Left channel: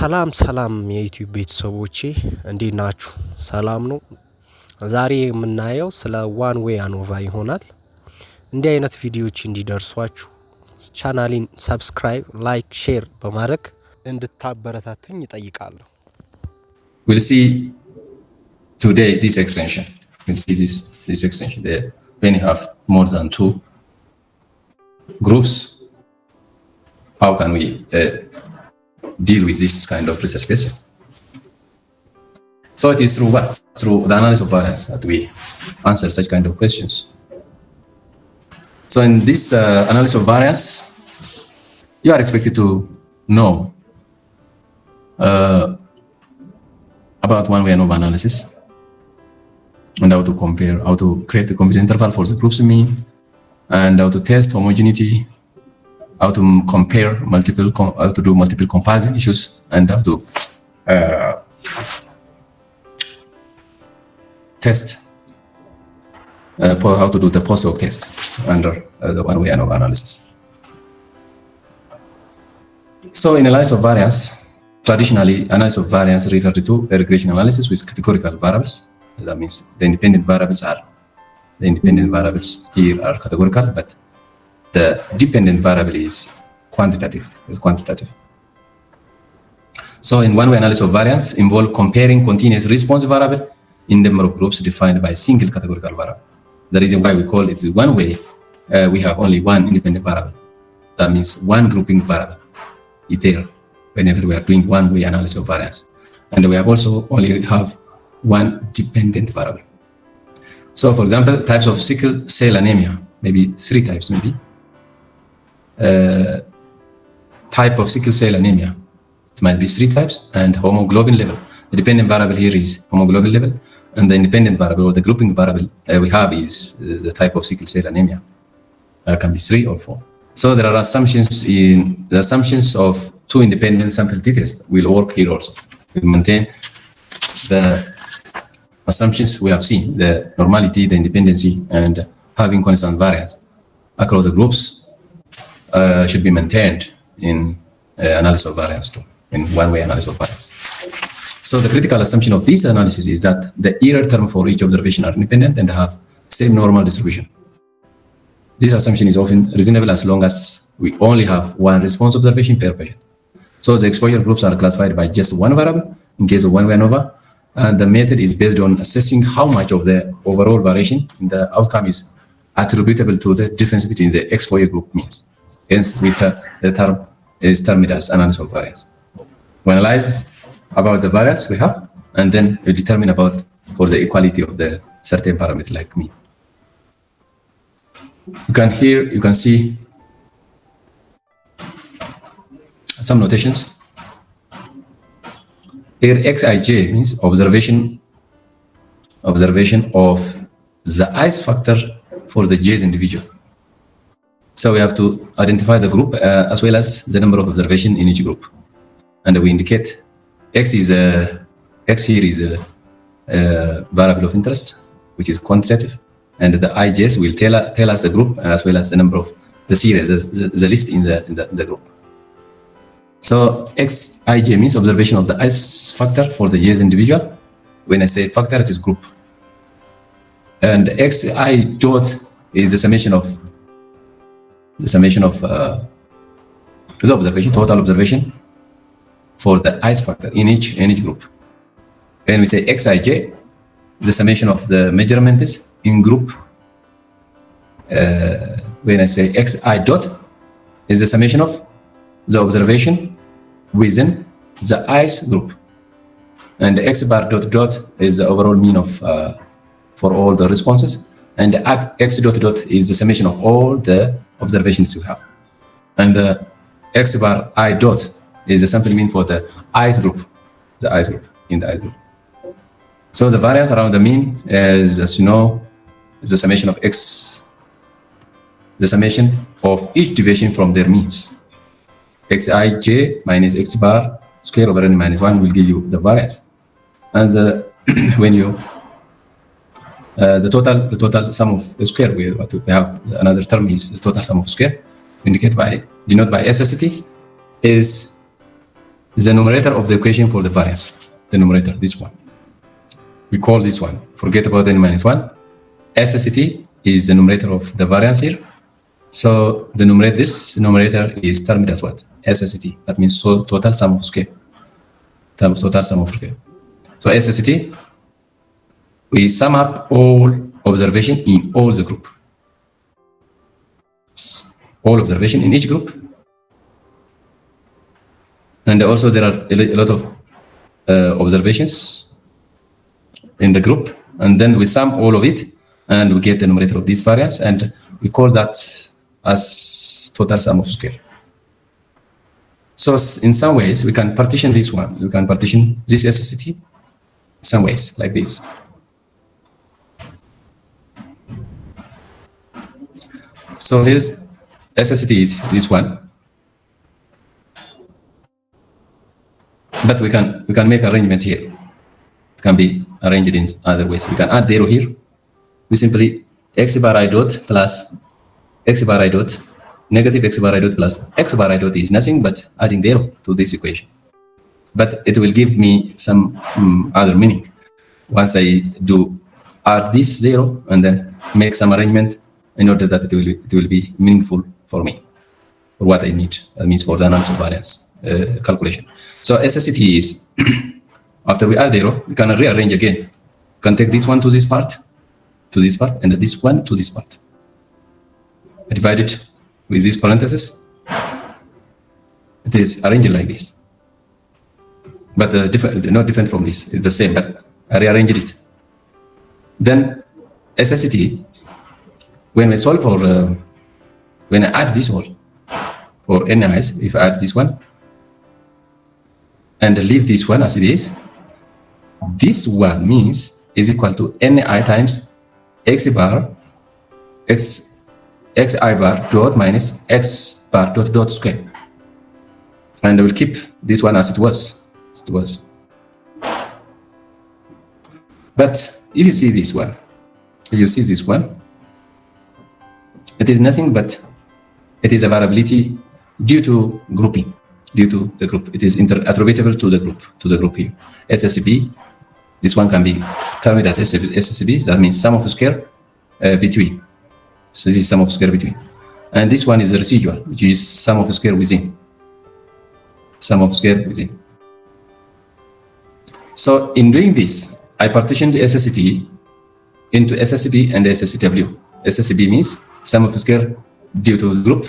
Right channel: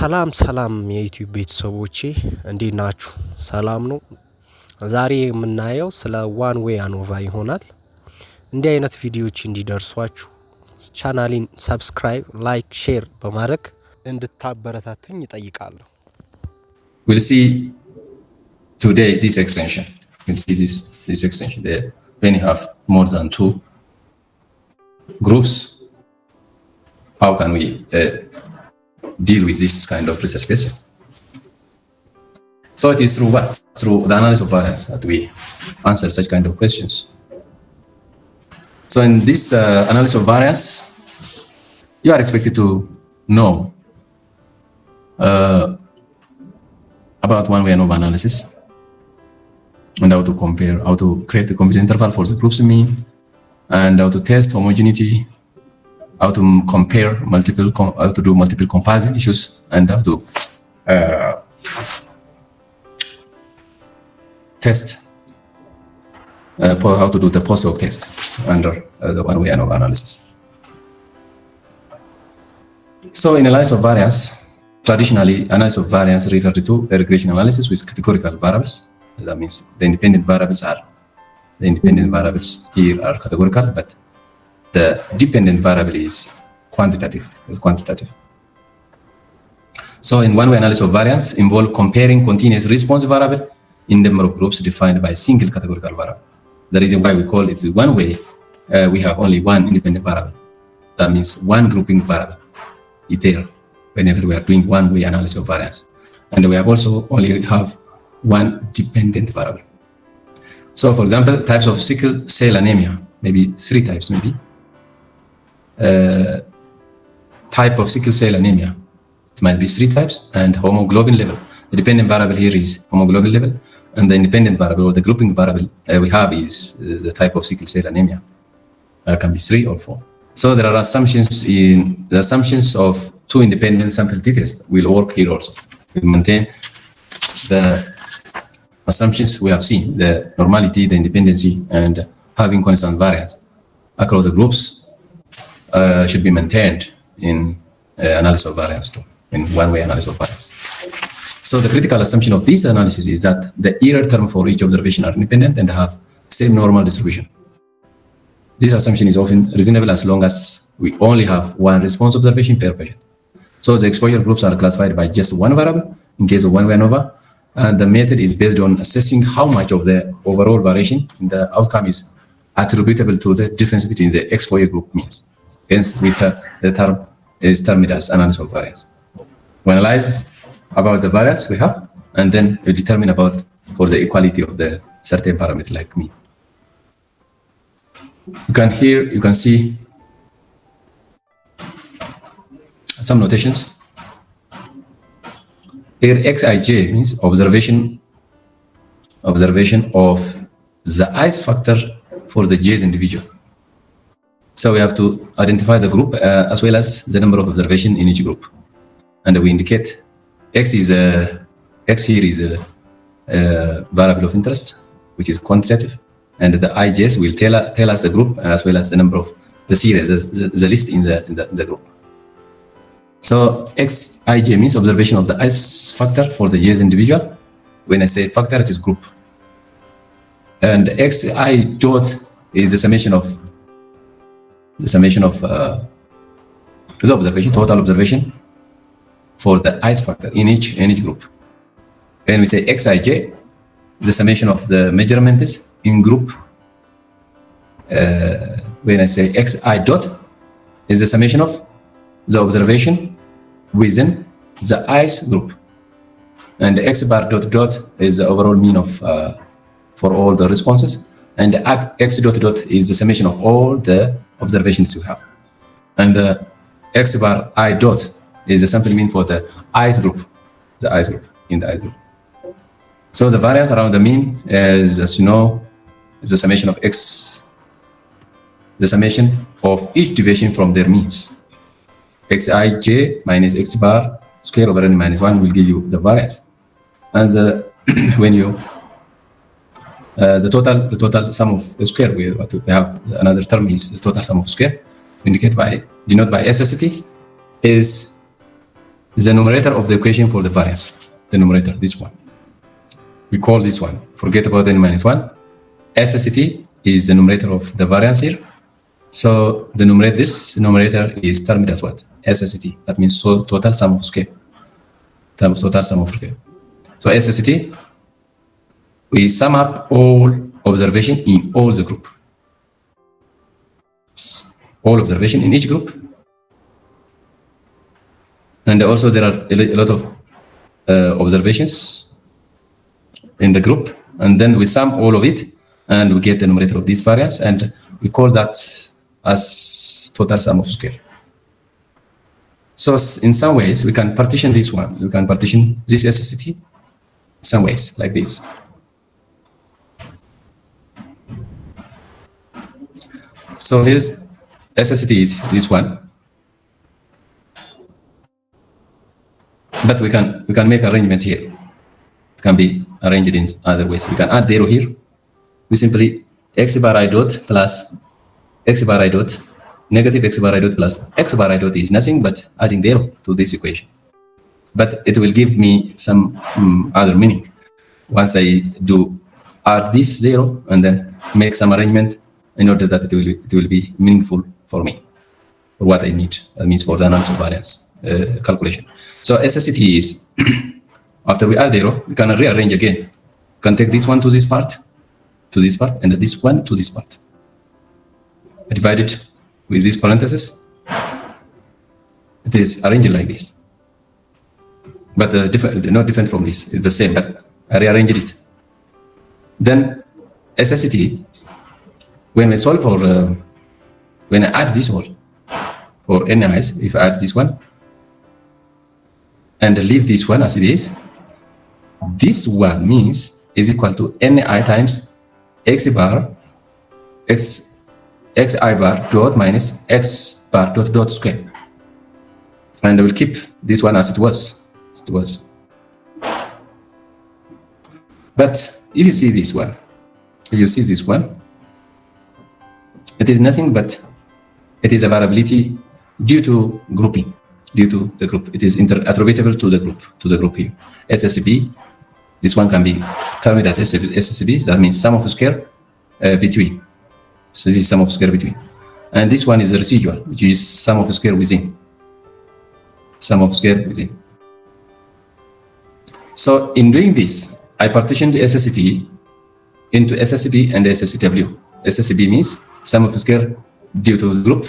ሰላም የዩቲዩብ ቤተሰቦቼ እንዴት ናችሁ? ሰላም ነው። ዛሬ የምናየው ስለ ዋን ዌይ አኖቫ ይሆናል። እንዲህ አይነት ቪዲዮዎች እንዲደርሷችሁ ቻናሌን ሰብስክራይብ፣ ላይክ፣ ሼር በማድረግ እንድታበረታቱኝ እጠይቃለሁ። We'll see today this extension. We'll see this extension. They many have more than two groups. How can we deal with this kind of research question? So it is through what? Through the analysis of variance that we answer such kind of questions. So in this analysis of variance, you are expected to know about one-way ANOVA analysis and how to compare, how to create a confidence interval for the group's mean, and how to test homogeneity, how to compare how to do multiple comparison issues, and how to test how to do the post-hoc test under the one-way ANOVA analysis. So in analysis of variance, traditionally analysis of variance referred to a regression analysis with categorical variables. That means the independent variables here are categorical, but the dependent variable is quantitative. So in one-way analysis of variance involve comparing continuous response variable in number of groups defined by a single categorical variable. The reason why we call it one way, we have only one independent variable. That means one grouping variable is there whenever we are doing one-way analysis of variance. And we have also only have one dependent variable. So for example, types of sickle cell anemia, maybe three types. Type of sickle cell anemia, it might be three types, and hemoglobin level. The dependent variable here is hemoglobin level, and the independent variable or the grouping variable we have is the type of sickle cell anemia. Can be 3 or 4. So there are assumptions of two independent sample t-tests will work here also. We maintain the assumptions we have seen, the normality, the independency, and having constant variance across the groups should be maintained in analysis of variance too, in one-way analysis of variance. So the critical assumption of this analysis is that the error term for each observation are independent and have same normal distribution. This assumption is often reasonable as long as we only have one response observation per patient. So the exposure groups are classified by just one variable in case of one-way ANOVA, and the method is based on assessing how much of the overall variation in the outcome is attributable to the difference between the exposure group means. Hence, the term is termed as analysis of variance. Plus, about the variance we have, and then we determine about for the equality of the certain parameter like mean. You can see some notations. Here Xij means observation of the ice factor for the j's individual. So we have to identify the group as well as the number of observation in each group, and we indicate X here is a variable of interest, which is quantitative, and the IJs will tell us the group as well as the number of the serial, the list in the group. See, Xij means observation of the X factor for the j's individual. When I say factor, it is group. The Xi dot is the summation of the observation, total observation for the ice factor in each group. When we say Xij, the summation of the measurements in group. When I say Xi dot is the summation of the observation within the ice group, and the X bar dot is the overall mean of for all the responses, and the X dot is the summation of all the observations you have, and the X bar I dot is the sample mean for the ice group, in the ice group. So the variance around the mean is, as you know, is the summation of X, the summation of each deviation from their means. Xij minus X bar square over n minus 1 will give you the variance, and when you the total sum of the square, we have another term is the total sum of square, indicated by denoted by SST, is the numerator of the equation for the variance. The numerator, this one. We call this one. Forget about n minus 1. SST is the numerator of the variance here. So the numerator, this numerator is termed as what? SST. That means total sum of square. Times total sum of square. So SST is sum of all observation in all the group. All observation in each group. And also there are a lot of observations in the group, and then we sum all of it and we get the numerator of this variance, and we call that as total sum of square. So in some ways we can partition this one. We can partition this SST in some ways like this. So this SST is this one. But we can make arrangement here. It can be arranged in other ways. We can add 0 here. We simply x bar I dot plus x bar I dot negative x bar I dot plus x bar I dot is nothing but adding 0 to this equation. But it will give me some other meaning once I do add this 0 and then make some arrangement in order that it will be meaningful for me. What I need for the analysis of variance calculation. So SST is, after we add 0, we can rearrange again. We can take this one to this part, and this one to this part. Divide it with these parentheses. It is arranged like this. But not different from this. It's the same, but I rearranged it. Then SST, when I solve for, when I add this one, for analyze, if I add this one, and leave this one as it is, this one means is equal to ni times x bar xi bar dot minus x bar dot square, and I will keep this one as it was. But if you see this one, it is nothing but it is a variability due to grouping. Due to the group, it is attributable to the group here. SSB, this one can be termed as SSB, that means sum of square between. So this is sum of square between. And this one is the residual, which is sum of square within. Sum of square within. So in doing this, I partitioned the SST into SSB and SSW. SSB means sum of square due to the group,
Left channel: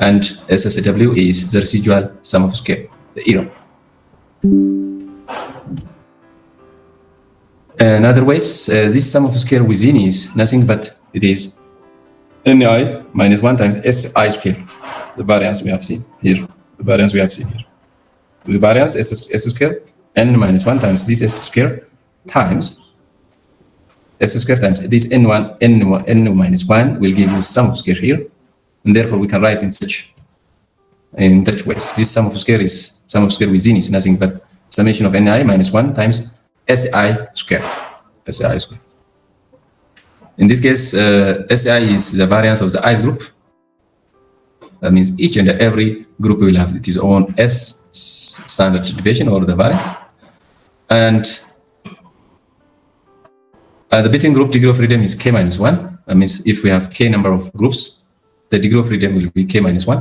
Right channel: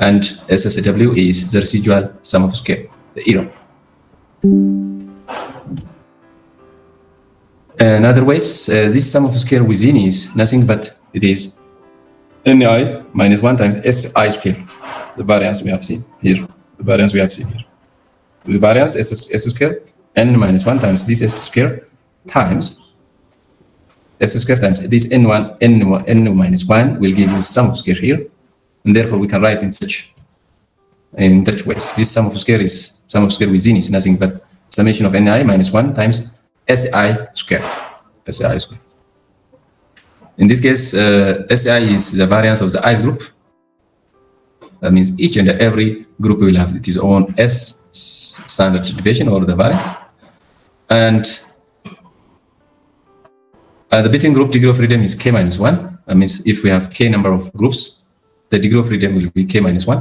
and SSW is the residual sum of square, the error. In other ways, this sum of square within is nothing but it is ni minus 1 times si square, the variance we have seen here. This variance s square n minus 1 times this s square times s square times this n1 n minus 1 will give you sum of square here. And therefore, we can write in such ways. This sum of square within is nothing but summation of ni minus 1 times si square. In this case, si is the variance of the ith group. That means each and every group will have its own s standard deviation or the variance. And the between group degree of freedom is k minus 1. That means if we have k number of groups, the degree of freedom will be k minus 1.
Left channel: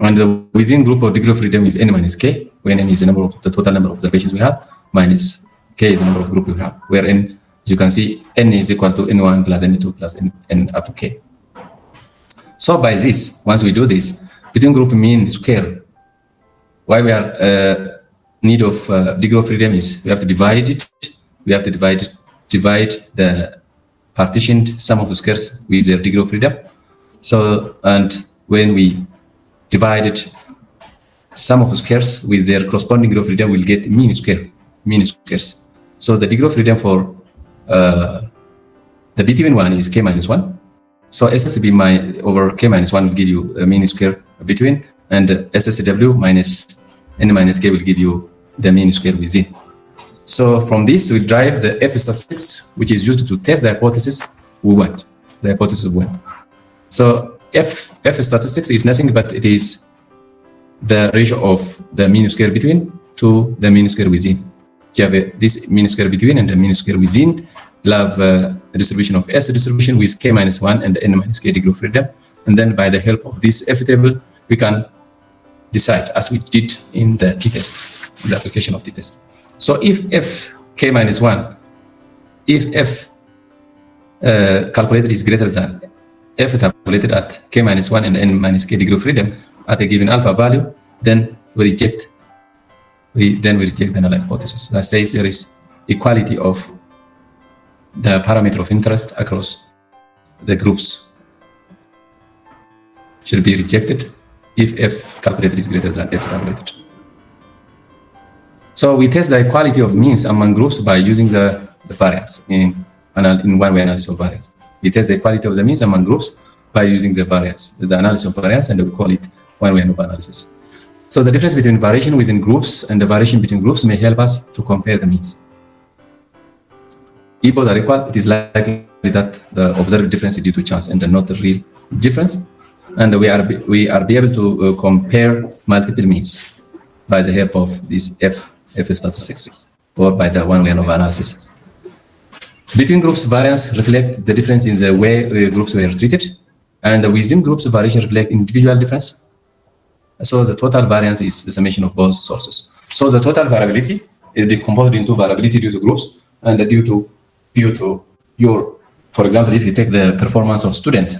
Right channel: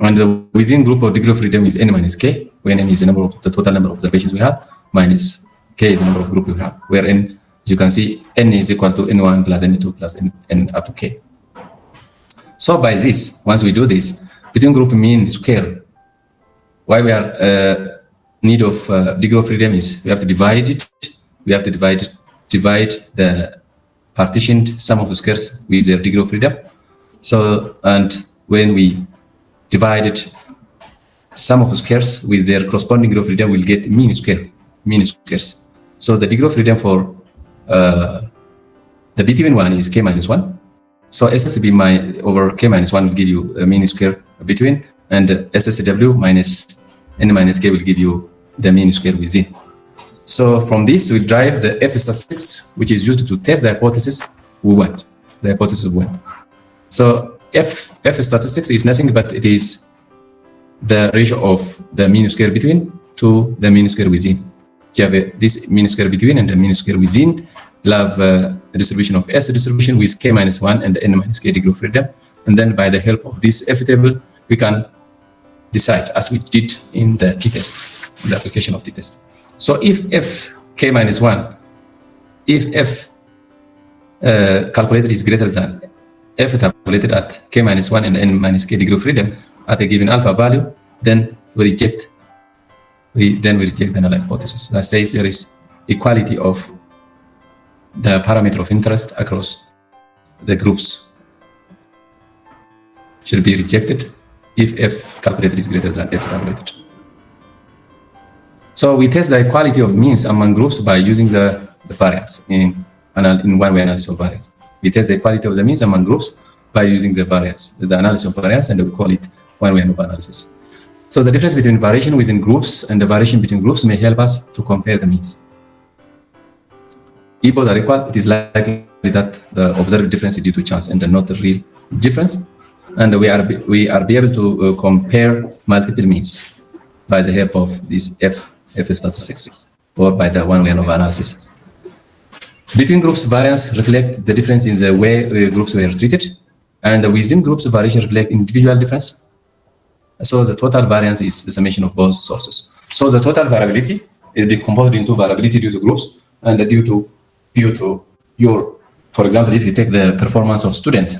And the within group of degree of freedom is n minus k, where n is the total number of observations we have, minus k, the number of groups we have, where n, as you can see, n is equal to n1 plus n2 plus n up to k. So by this, once we do this, between group mean square, why we are need of degree of freedom is we have to divide it. We have to divide the partitioned sum of squares with their degree of freedom. So, and when we divided sum of squares with their corresponding degree of freedom, we'll get mean squares. So the degree of freedom for the between one is k minus 1. So SSB over k minus 1 will give you a mean square between, and SSW minus n minus k will give you the mean square within. So from this, we derive the F statistics, which is used to test the hypothesis we want. So F statistics is nothing but it is the ratio of the mean square between to the mean square within. You have this mean square between and the mean square within. You have a distribution of S distribution with k minus 1 and n minus k degree of freedom. And then by the help of this F table, we can decide as we did in the t-test, the application of t-test. So if f k minus 1, if f calculated is greater than f calculated at k minus 1 and n minus k degree of freedom at a given alpha value, then we reject the null hypothesis. That says there is equality of the parameter of interest across the groups should be rejected if f calculated is greater than f calculated. So we test the equality of means among groups by using the variance in one-way analysis of variance. We test the equality of the means among groups by using the variance, the analysis of variance, and we call it one-way ANOVA analysis. So the difference between variation within groups and the variation between groups may help us to compare the means. If both are equal, it is likely that the zero difference is due to chance and not a real difference. And we are be able to compare multiple means by the help of this F statistics or by the one-way ANOVA analysis. Between groups, variance reflect the difference in the way groups were treated, and within groups, variation reflect individual difference. So the total variance is the summation of both sources. So the total variability is decomposed into variability due to groups and due to your, for example, if you take the performance of student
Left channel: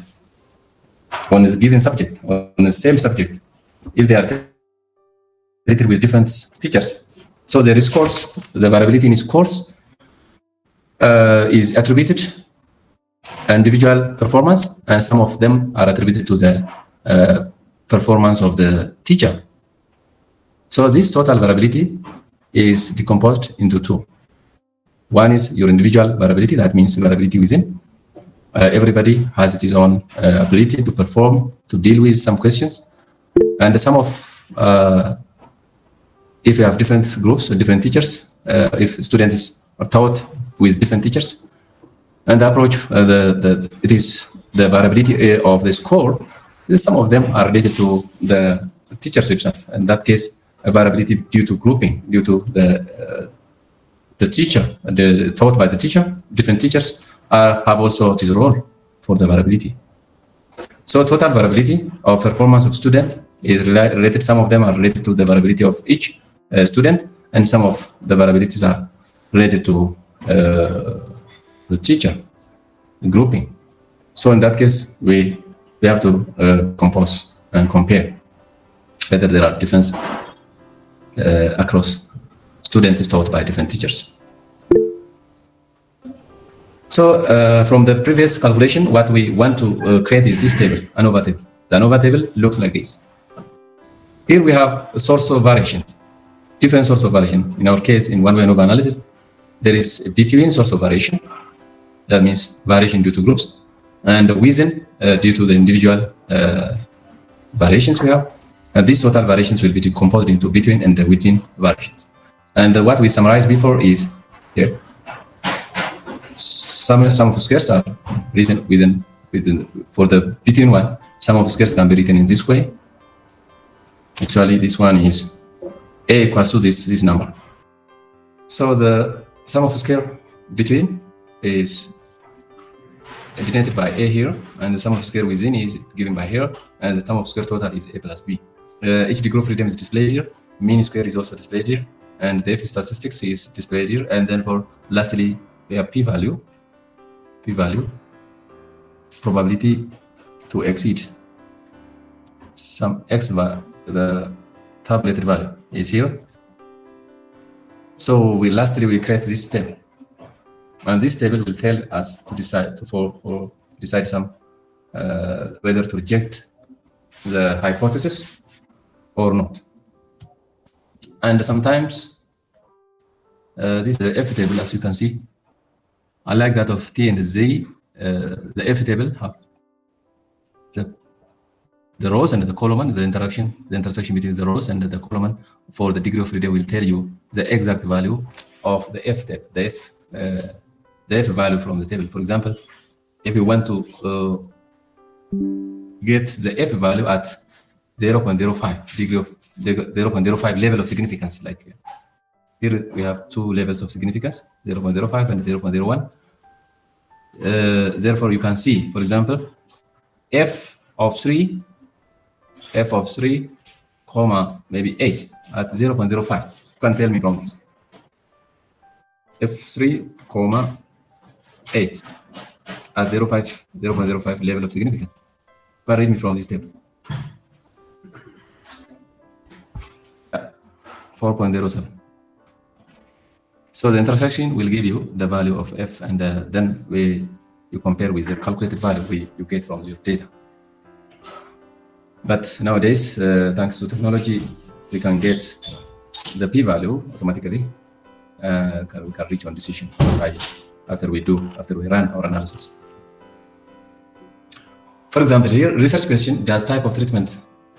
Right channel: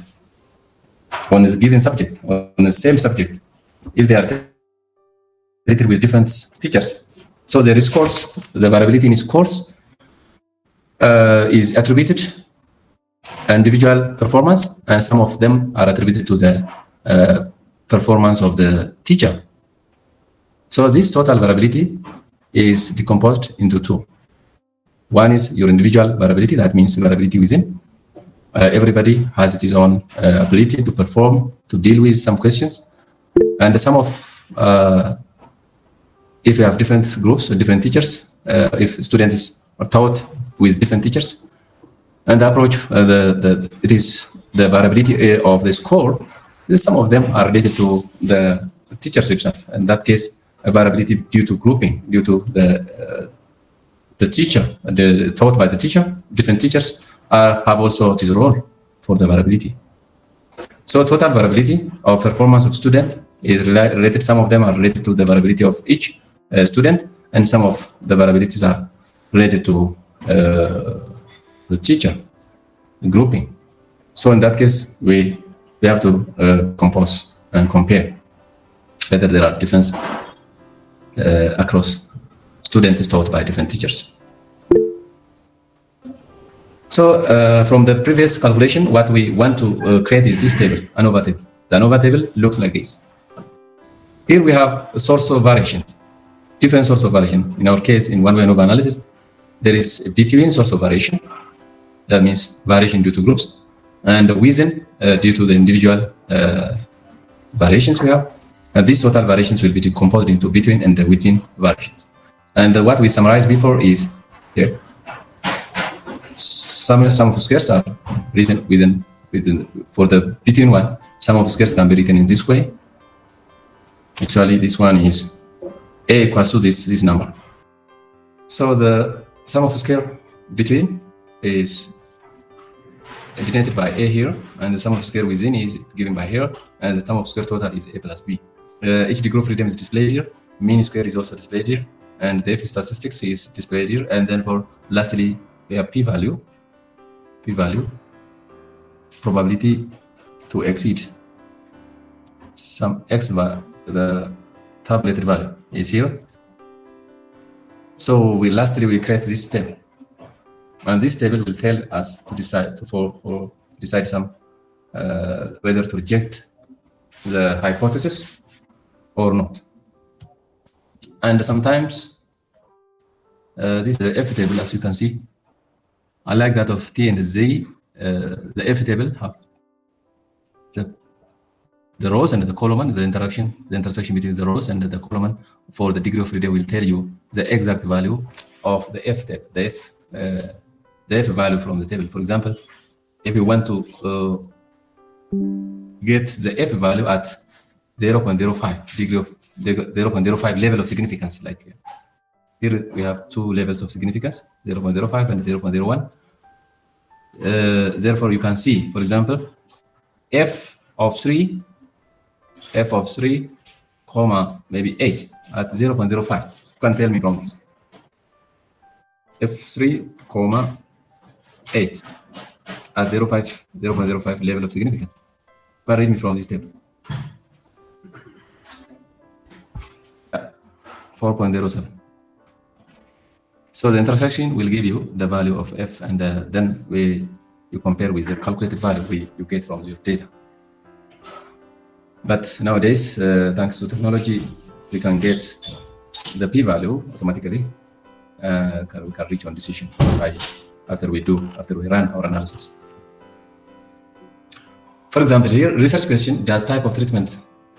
on a given subject, on the same subject, if they are treated with different teachers. So there is course, the variability in scores is attributed individual performance, and some of them are attributed to the performance of the teacher. So this total variability is decomposed into two. One is your individual variability, that means variability within. Everybody has its own ability to perform, to deal with some questions. And some of, if you have different groups or different teachers, if students are taught with different teachers, and the approach, it is the variability of the score, some of them are related to the teachers themselves. In that case, a variability due to grouping, due to the teacher, taught by the teacher, different teachers have also this role for the variability. So total variability of performance of student is related. Some of them are related to the variability of each student, and some of the variabilities are related to the teacher grouping. So in that case, we have to compose and compare whether there are differences across students taught by different teachers. So from the previous calculation, what we want to create is this table, ANOVA table. The ANOVA table looks like this. Here we have a source of variation, different source of variation. In our case, in one-way ANOVA analysis, there is a between source of variation. That means variation due to groups, and within due to the individual variations we have. And these total variations will be decomposed into between and within variations. And what we summarized before is here. Some of the squares are written within for the between one. Some of the squares can be written in this way. Actually, this one is a equals to this number. So the sum of the square between is denoted by a here, and the sum of the square within is given by here, and the sum of square total is a plus b. Each degree of freedom is displayed here. Mean square is also displayed here, and the F statistics is displayed here. And then for lastly, we have p-value, probability to exceed some x value, the tabulated value is here. So lastly we create this table, and this table will tell us to decide decide some whether to reject the hypothesis or not. And sometimes this is the F table, as you can see. Unlike that of T and Z, the F table have the rows and the column, and the intersection between the rows and the column for the degree of freedom will tell you the exact value of the F table, the F value from the table. For example, if you want to get the F value at 0.05 degree of 0.05 level of significance. Like here we have two levels of significance, 0.05 and 0.01. Therefore, you can see, for example, f of 3, maybe 8 at 0.05. You can tell me from this. f3, 8 at 0.05 level of significance. But read me from this table. 4.07. So the intersection will give you the value of f, and then you compare with the calculated value you get from your data. But nowadays, thanks to technology, we can get the p-value automatically. We can reach one decision after we run our analysis. For example, here, research question: does type of treatment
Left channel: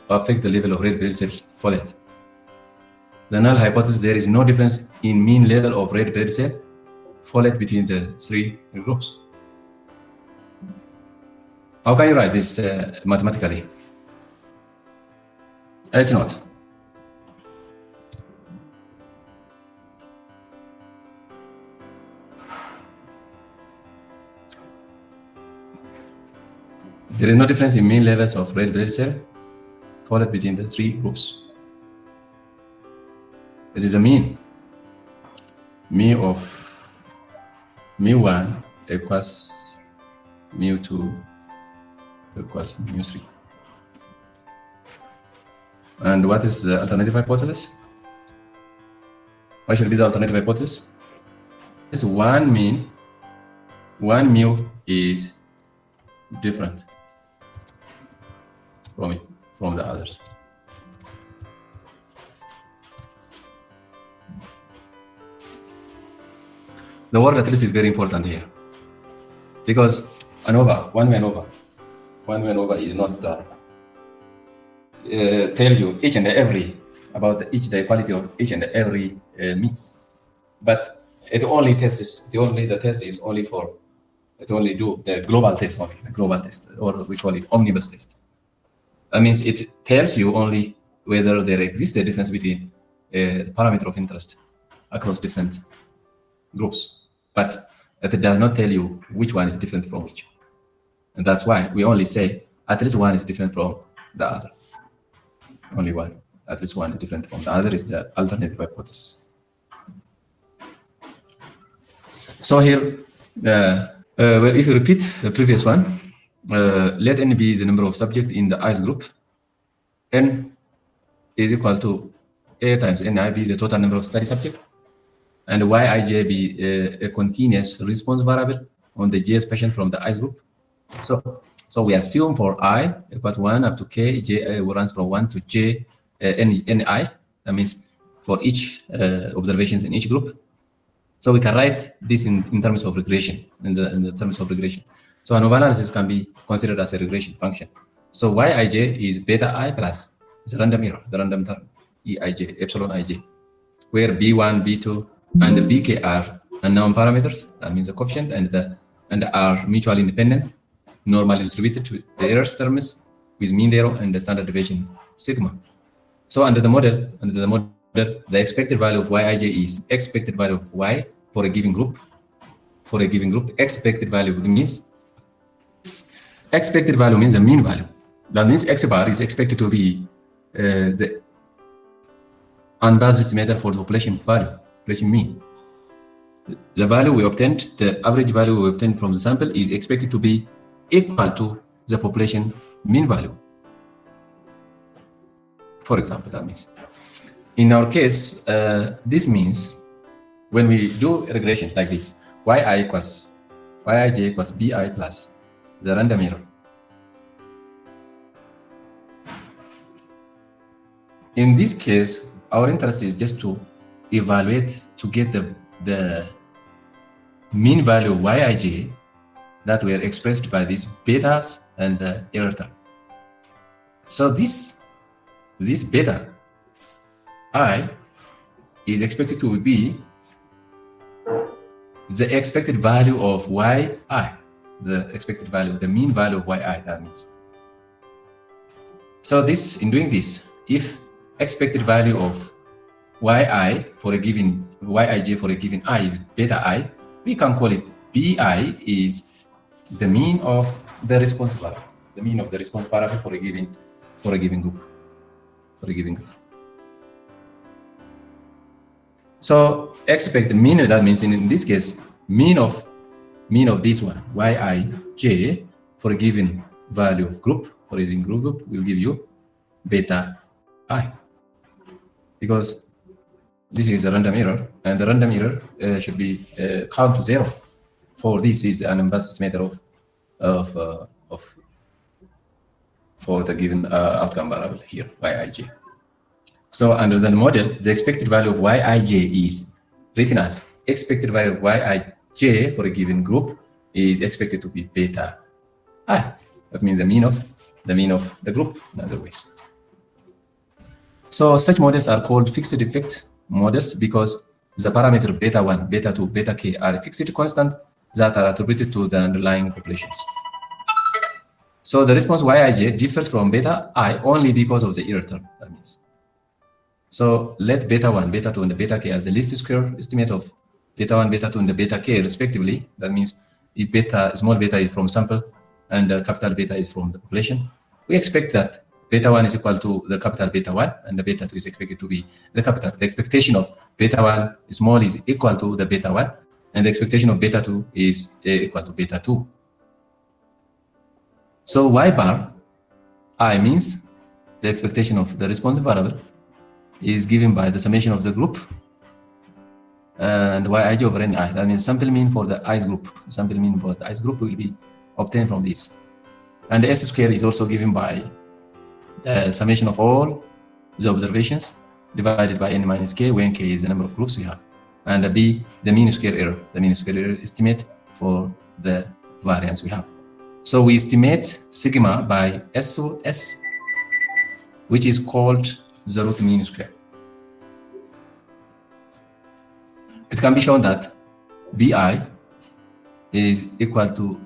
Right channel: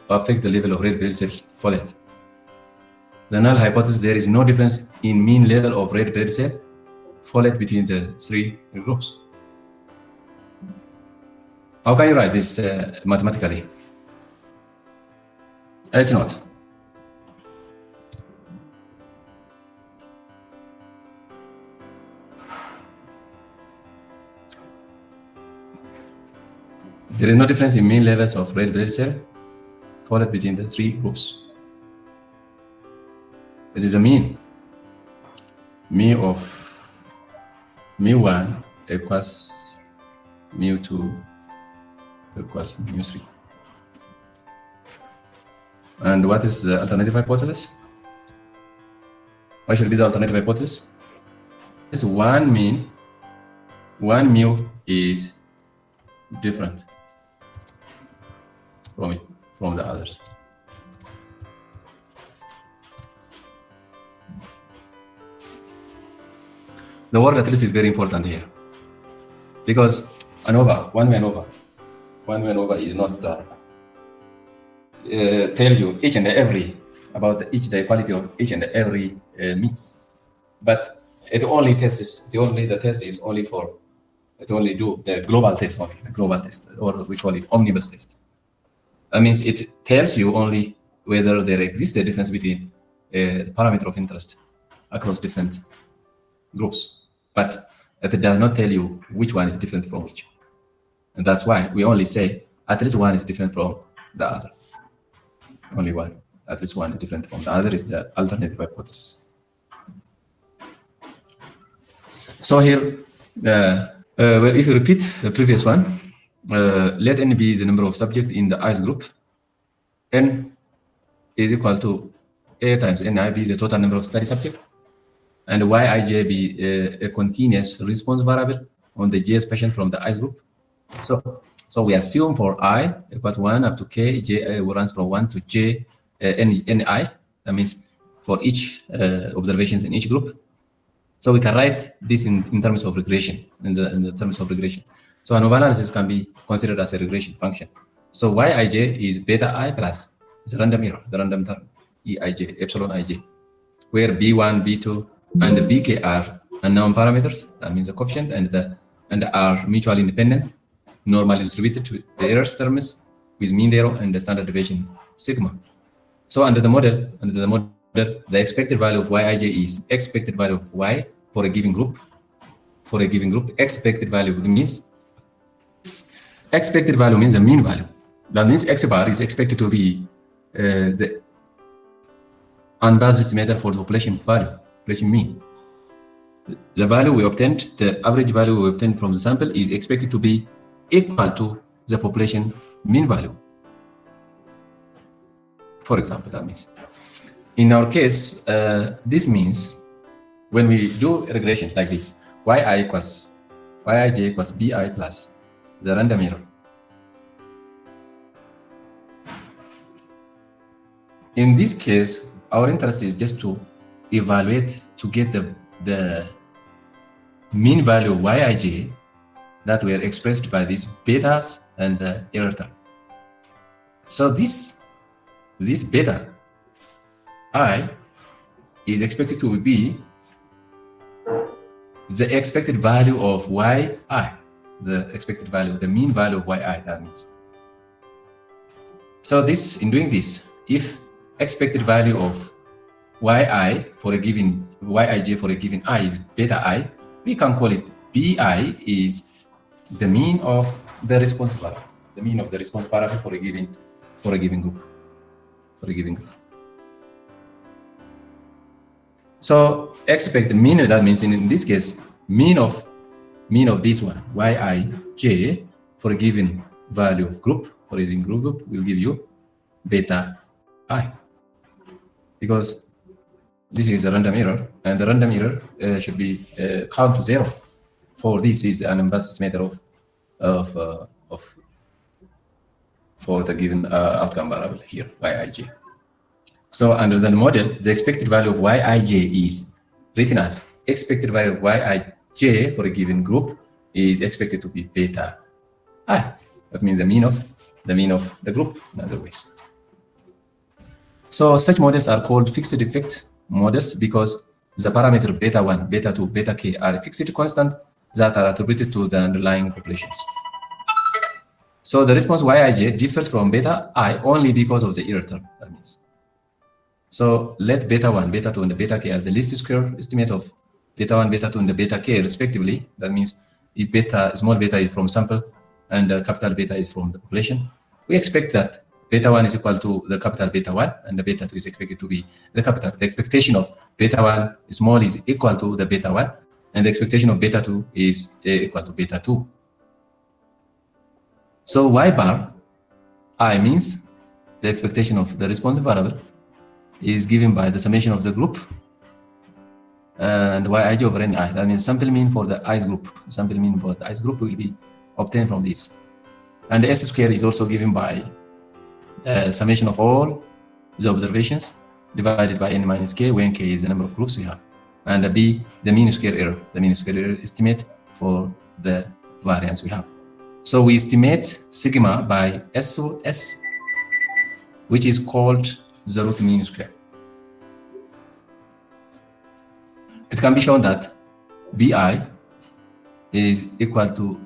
affect the level of red blood cell folate? The null hypothesis: there is no difference in mean level of red blood cell folate between the three groups. How can you write this mathematically? Let's note. There is no difference in mean levels of red blood cell folate between the three groups. It is a mean. Mu of mu1 equals mu2 equals mu3. And what is the alternative hypothesis? Actually, the alternative hypothesis is one mu is different from the others. The word at least is very important here, because one-way ANOVA is not tell you each and every about the quality of each and every means, but it only tests. The test is only for it only do the global test, or what we call it omnibus test. That means it tells you only whether there exists a difference between the parameter of interest across different groups, but it does not tell you which one is different from which. And that's why we only say at least one is different from the other. Only one. At least one is different from the other is the alternative hypothesis. So here, if you repeat the previous one, let n be the number of subjects in the ice group. N is equal to A times Ni be the total number of study subjects, and Yij be a continuous response variable on the J's patient from the ice group. So we assume for I equals 1 up to k, J runs from 1 to J Ni. That means for each observations in each group. So we can write this in terms of regression, in the terms of regression. So ANOVA analysis can be considered as a regression function. So Yij is beta I plus the random error, the random term, Eij, epsilon ij, where B1, B2, and the Bk are unknown parameters. That means the coefficient and are mutually independent, normally distributed to the error terms with mean error and the standard deviation sigma. So under the model, the expected value of Yij is expected value of Y for a given group. For a given group, expected value means the mean value. That means X bar is expected to be the unbiased estimator for the population value, population mean. The value we obtained, the average value we obtained from the sample, is expected to be equal to the population mean value. For example, that means in our case, this means when we do regression like this, Yij equals Bi plus the random error. In this case, our interest is just to evaluate to get the mean value of Yij that were expressed by these betas and the error term. So this beta I is expected to be the expected value of Yi, the expected value, the mean value of Yi, that means. So in doing this, if expected value of yi for a given yij for a given I is beta I, we can call it bi is the mean of the response variable. The mean of the response variable for a given group. So expect mean, that means in this case, mean of this one, yij, for a given value of group, for a given group will give you beta I. Because this is a random error, and the random error should be count to 0. For this is an impulse matter for the given outcome variable here, yij. So under the model, the expected value of yij is written as expected value of yij for a given group is expected to be beta I. That means the mean of the group, in other words. So such models are called fixed effect models because the parameter beta 1, beta 2, beta k are a fixed constant that are attributed to the underlying populations. So the response yij differs from beta I only because of the error term, that means. So let beta 1, beta 2, and the beta k as the least square estimate of beta 1, beta 2, and the beta k respectively. That means if small beta is from sample and capital beta is from the population, we expect that beta 1 is equal to the capital beta 1 and the beta 2 is expected to be the capital. The expectation of beta 1 small is equal to the beta 1 and the expectation of beta 2 is equal to beta 2. So y bar I means the expectation of the response variable is given by the summation of the group and yij over ni. That means sample mean for the i's group. Sample mean for the i's group will be obtained from this. And the s square is also given by the summation of all the observations divided by n minus k, when k is the number of groups we have. And b, the mean square error. The mean square error estimate for the variance we have. So we estimate sigma by SOS, which is called the root mean square. It can be shown that bi is equal to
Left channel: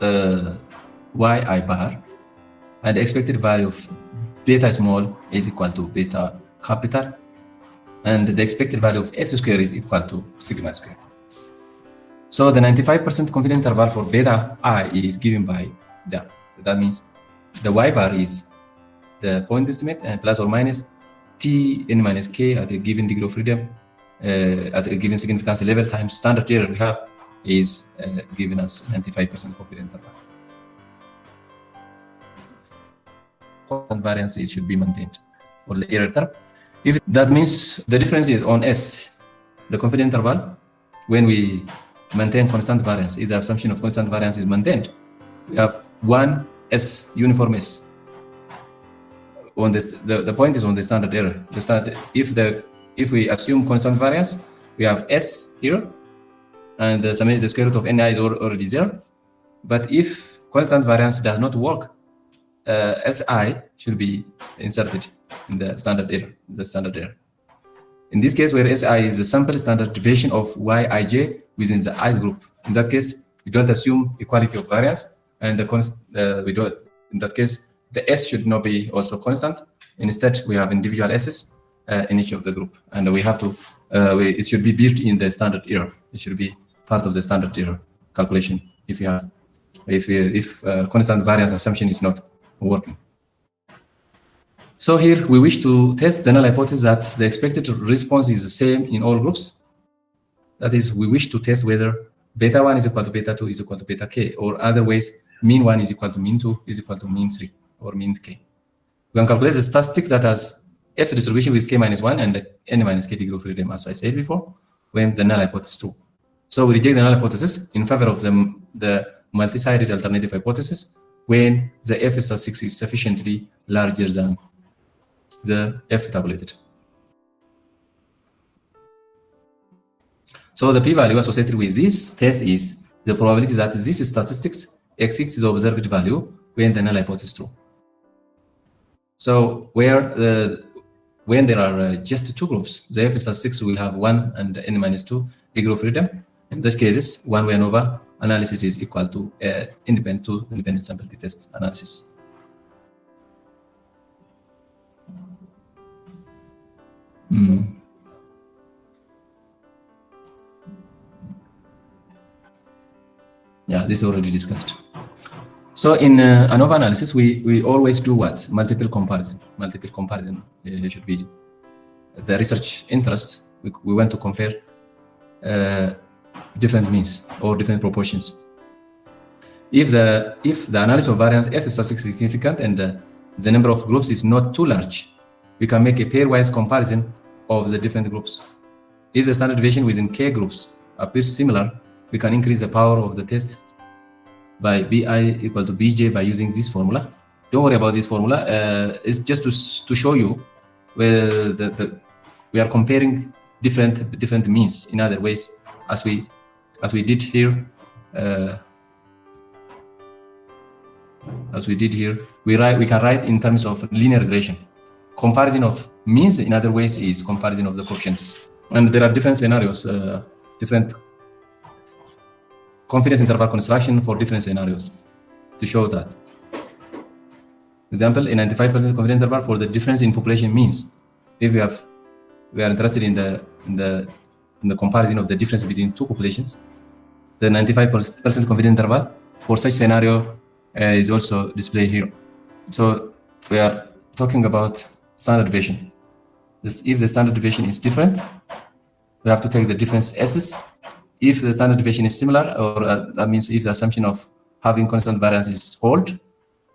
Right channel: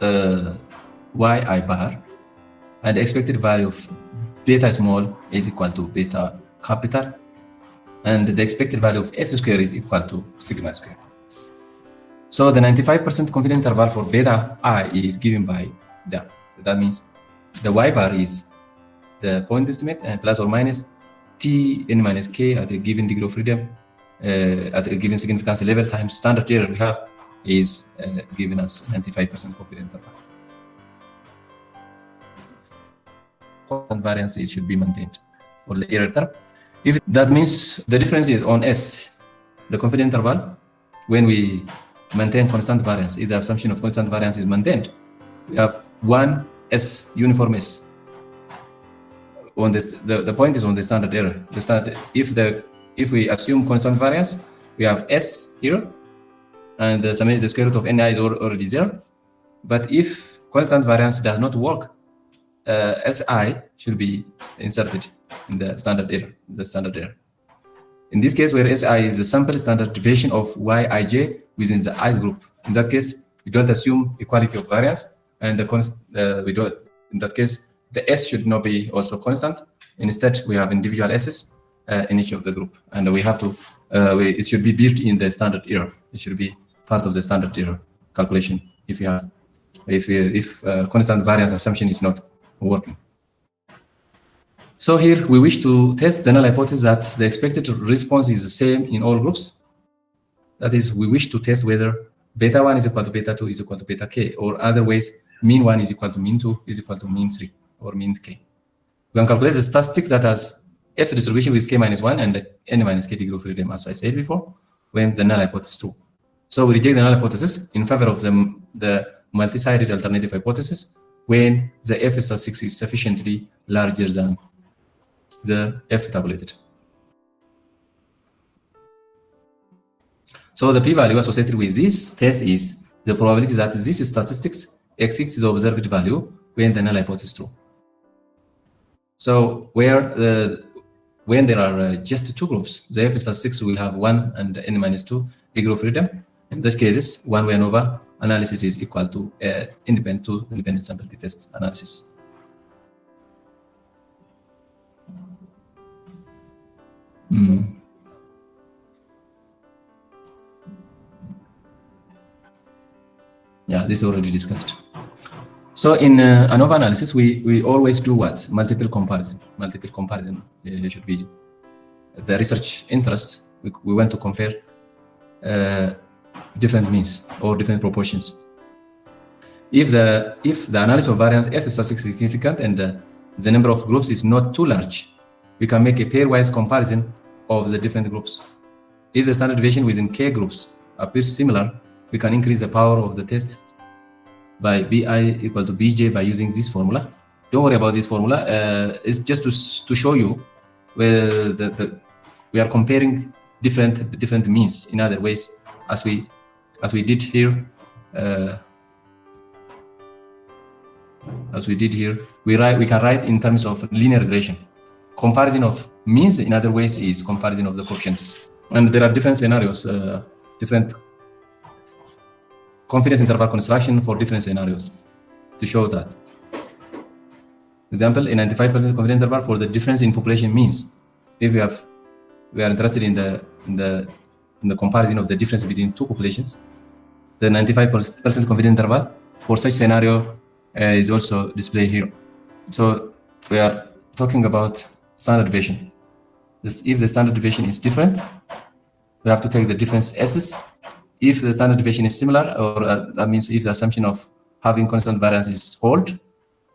yi bar, and the expected value of beta small is equal to beta capital, and the expected value of s square is equal to sigma square. So the 95% confidence interval for beta I is given by that. That means the y bar is the point estimate a plus or minus k n minus k at a given degree of freedom at a given significance level times standard error we have is given as 95% confidence interval. Constant variance should be maintained for the error term. That means the difference is on S, the confidence interval. When we maintain constant variance, if the assumption of constant variance is maintained, we have one S, uniform S. On this, the point is on the standard error. If we assume constant variance, we have S here, and the square root of ni is already there. But if constant variance does not work, Si should be inserted in the standard error. In this case, where Si is the sample standard deviation of Yij within the I group. In that case, we don't assume equality of variance, and we don't. In that case, the S should not be also constant. Instead, we have individual S's in each of the group, and we have to. It should be built in the standard error. It should be part of the standard error calculation if constant variance assumption is not working. So here we wish to test the null hypothesis that the expected response is the same in all groups. That is, we wish to test whether beta 1 is equal to beta 2 is equal to beta k, or other ways, mean 1 is equal to mean 2 is equal to mean 3 or mean k. We can calculate the statistics that has F distribution with k minus 1 and n minus k degree of freedom, as I said before, when the null hypothesis is true. So we reject the null hypothesis in favor of the multi-sided alternative hypothesis when the F statistic is sufficiently larger than the F tabulated. So the p-value associated with this test is the probability that this statistics exceeds the observed value when the null hypothesis is true. So when there are just two groups, the F statistics will have 1 and n minus 2 degree of freedom. In those cases, one-way ANOVA analysis is equal to independent sample t-test analysis. Yeah, this is already discussed. So in ANOVA analysis, we always do what? Multiple comparison. Multiple comparison should be the research interest. We want to compare different means or different proportions. If the analysis of variance F is statistically significant and the number of groups is not too large, we can make a pairwise comparison of the different groups. If the standard deviation within K groups appears similar, we can increase the power of the test by BI equal to BJ by using this formula. Don't worry about this formula. It's just to show you where we are comparing different means in other ways as we did here. We can write in terms of linear regression. Comparison of means in other ways is comparison of the coefficients. And there are different scenarios, different confidence interval construction for different scenarios to show that. Example, a 95% confidence interval for the difference in population means. If we are interested in the comparison of the difference between two populations, the 95% confidence interval for such scenario is also displayed here. So we are talking about standard deviation. If the standard deviation is different, we have to take the difference S's. If the standard deviation is similar, or that means if the assumption of having constant variance is hold,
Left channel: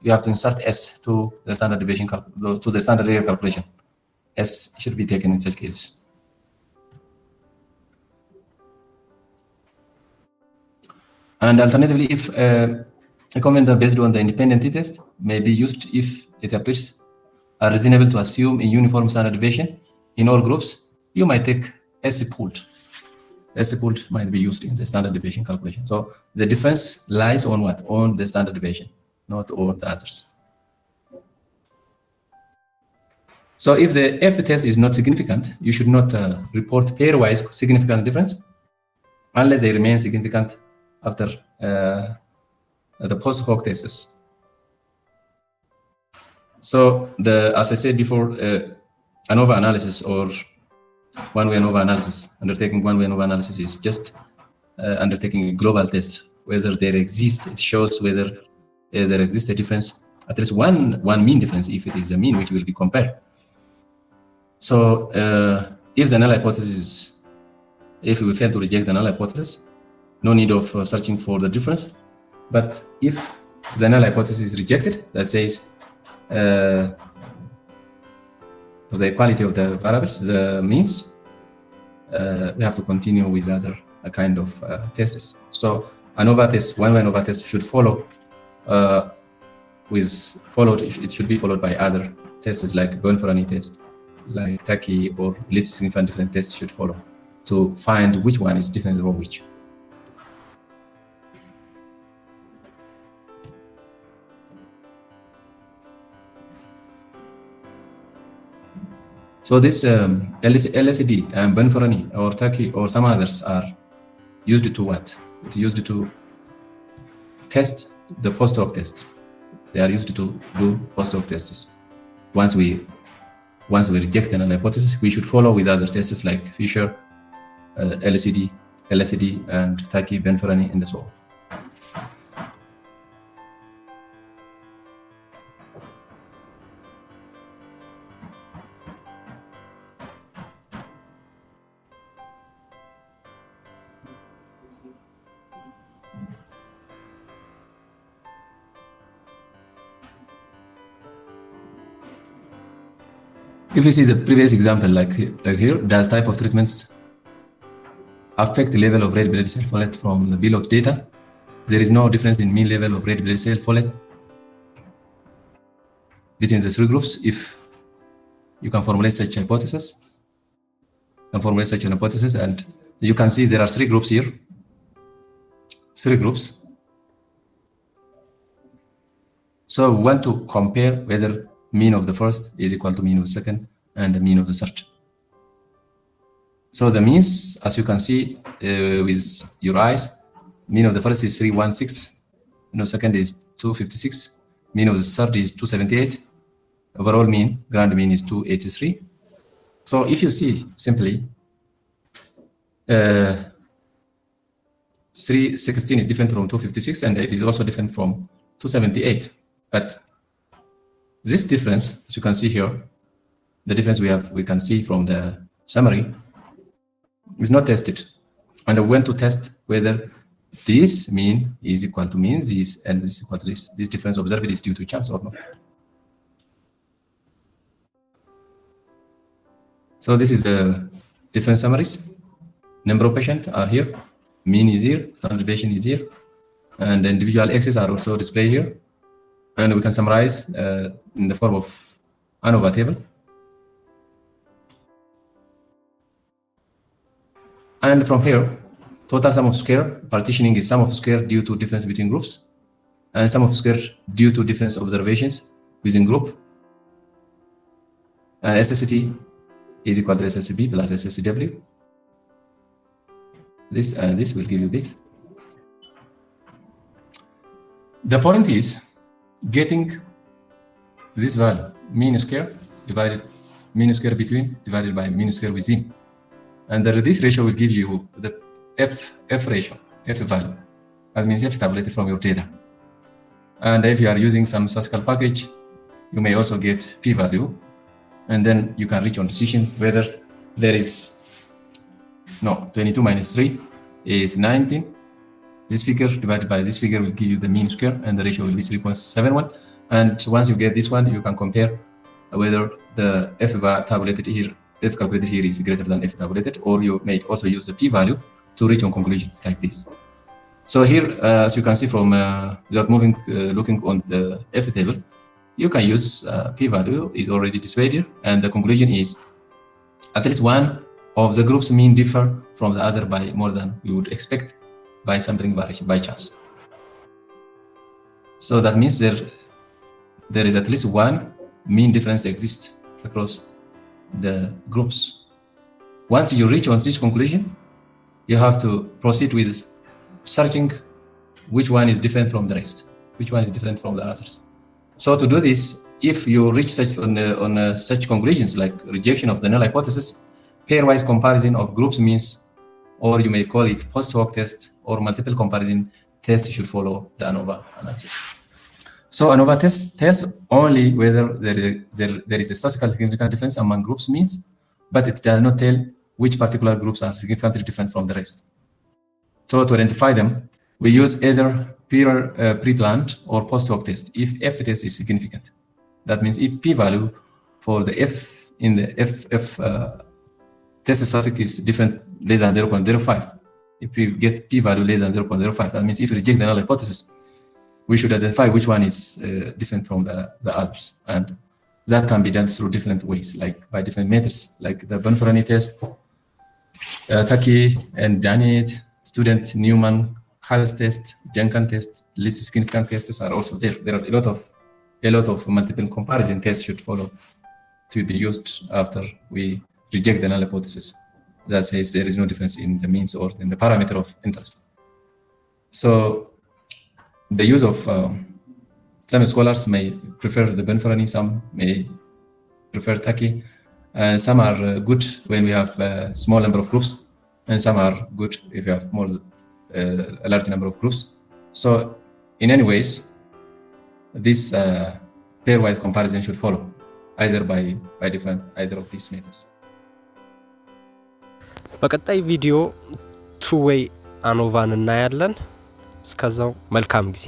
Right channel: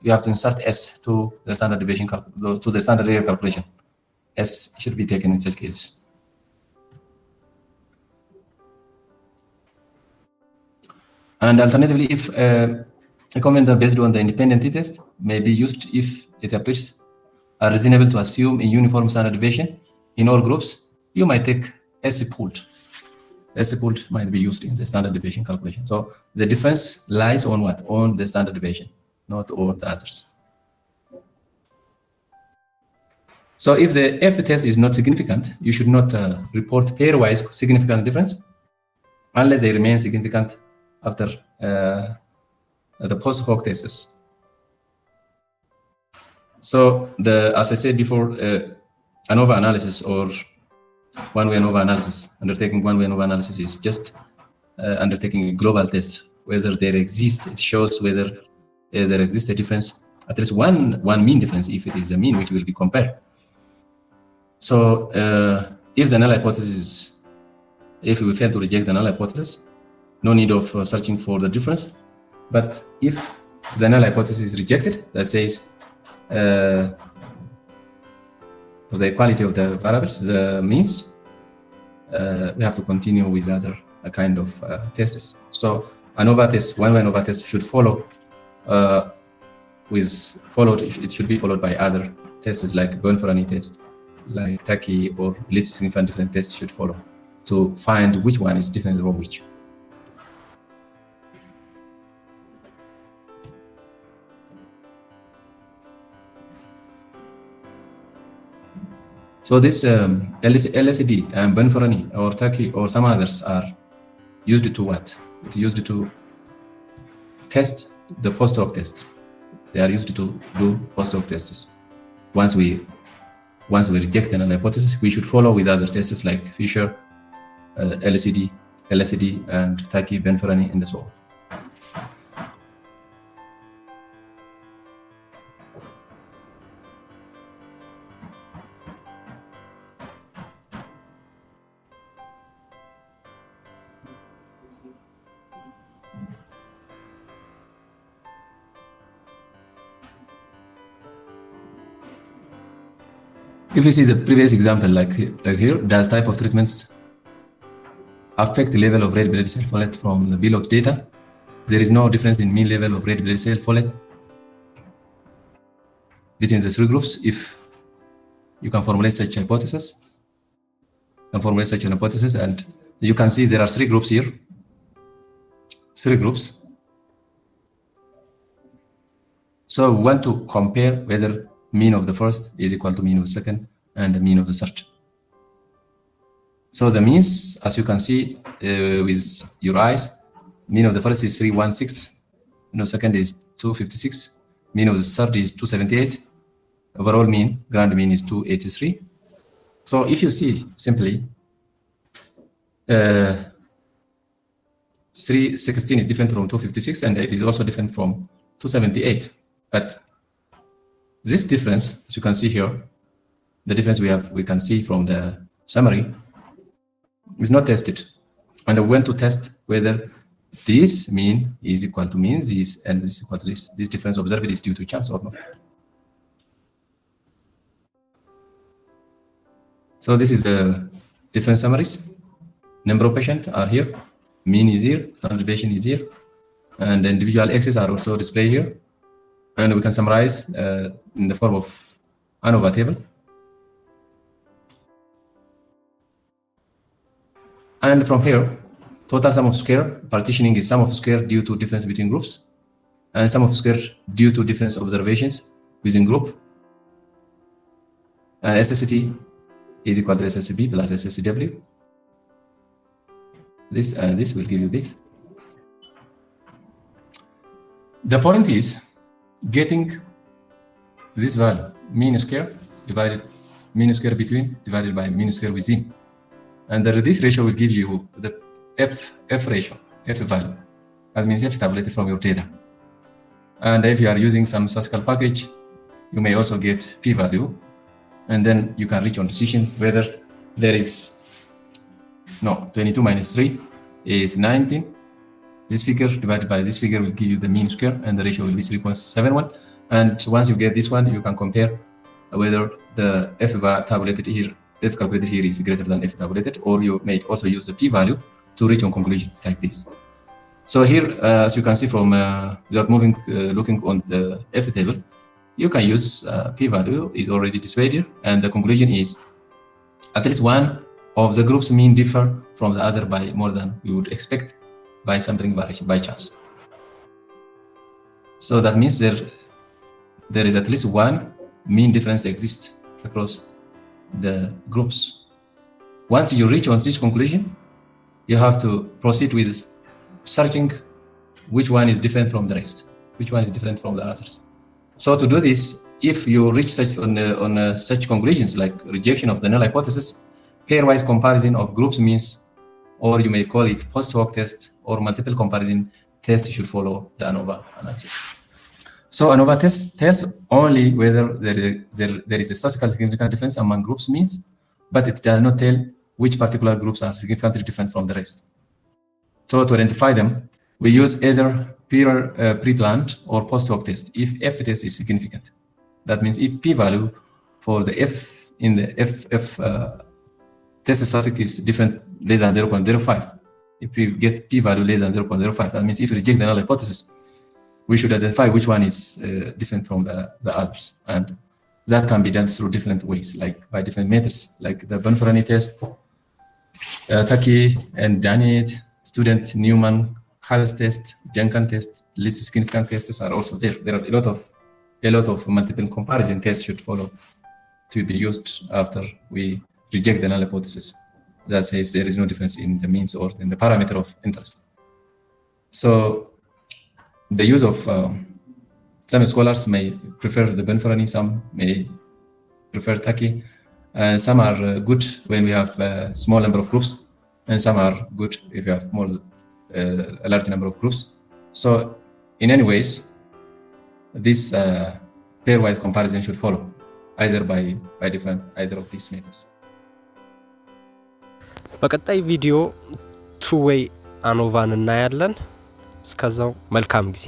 you have to insert S to the standard deviation to the standard error calculation. S should be taken in such cases. And alternatively, if a confidence based on the independent t-test may be used if it appears reasonable to assume a uniform standard deviation in all groups, you might take S pooled. S pooled might be used in the standard deviation calculation. So the difference lies on what? On the standard deviation, not on the others. So if the F test is not significant, you should not report pairwise significant difference unless they remain significant after the post hoc tests. So as I said before, ANOVA analysis or one-way ANOVA analysis, undertaking one-way ANOVA analysis is just undertaking a global test, whether there exists, it shows whether there exists a difference, at least one mean difference if it is a mean which will be compared. So if the null hypothesis, if we fail to reject the null hypothesis, no need of searching for the difference. But if the null hypothesis is rejected, that says for the equality of the variables, the means, we have to continue with other kind of tests. So ANOVA test, one-way ANOVA test should follow. It should be followed by other tests like Bonferroni test, like Taki or least significant different tests should follow to find which one is different from which. So this LSD and Bonferroni or Taki or some others are used to what? It's used to test the post hoc test. They are used to do post hoc tests. Once we reject the null hypothesis, we should follow with other tests like Fisher, LSD, and Taki, Bonferroni, and so on. If you see the previous example, like here, does type of treatments affect the level of red blood cell folate from the below data? There is no difference in mean level of red blood cell folate between the three groups. If you can formulate such hypothesis, and you can see there are three groups here. Three groups. So we want to compare whether mean of the first is equal to mean of the second and the mean of the third. So the means, as you can see with your eyes, mean of the first is 316, mean of the second is 256, mean of the third is 278, overall mean, grand mean is 283. So if you see simply, 316 is different from 256, and it is also different from 278. But this difference, as you can see here, the difference we can see from the summary, is not tested. And we want to test whether this mean is equal to mean this and this is equal to this. This difference observed is due to chance or not. See, this is the different summaries. Number of patients are here, mean is here, standard deviation is here, and individual x's are also displayed here. And we can summarize in the form of ANOVA table. And from here, total sum of square partitioning is sum of square due to difference between groups, and sum of square due to difference observations within group. And SST is equal to SSB plus SSW. This and this will give you this. The point is getting this value, mean square divided mean square between divided by mean square within. And this ratio will give you the F ratio, F value. That means F tabulated from your data. And if you are using some statistical package, you may also get P value. And then you can reach your decision whether there is, 22 minus 3 is 19. This figure divided by this figure will give you the mean square, and the ratio will be 3.71. And once you get this one, you can compare whether the F tabulated here, F calculated here is greater than F tabulated, or you may also use the P value to reach a conclusion like this. So here, as you can see from just looking on the F table, you can use P value is already displayed here, and the conclusion is at least one of the groups mean differ from the other by more than we would expect by sampling variation by chance. So that means there is at least one mean difference exists across the groups. Once you reach on this conclusion, you have to proceed with searching which one is different from the rest, which one is different from the others. So to do this, if you reach such such conclusions like rejection of the null hypothesis, pairwise comparison of groups means, or you may call it post hoc test or multiple comparison test, should follow the ANOVA analysis. So ANOVA test tests only whether there is a statistically significant difference among groups means, but it does not tell which particular groups are significantly different from the rest. So to identify them, we use either pre-planned or post hoc test if F test is significant. That means if P value for the F in the F test statistic is different less than 0.05. If we get P value less than 0.05, that means if we reject the null hypothesis, we should identify which one is different from the others. And that can be done through different ways, like by different methods, like the Bonferroni test, Taki and Daniet, student Newman, Hall's test, Duncan test, least significant tests are also there. There are a lot of multiple comparison tests should follow to be used after we reject the null hypothesis that says there is no difference in the means or in the parameter of interest. So the use of some scholars may prefer the Bonferroni, some may prefer Taki. Some are good when we have a small number of groups, and some are good if you have a large number of groups. So in any ways, this pairwise comparison should follow either by either of these methods. በቀጣይ ቪዲዮ two-way ANOVAን እናያለን። እስከዛው መልካም ጊዜ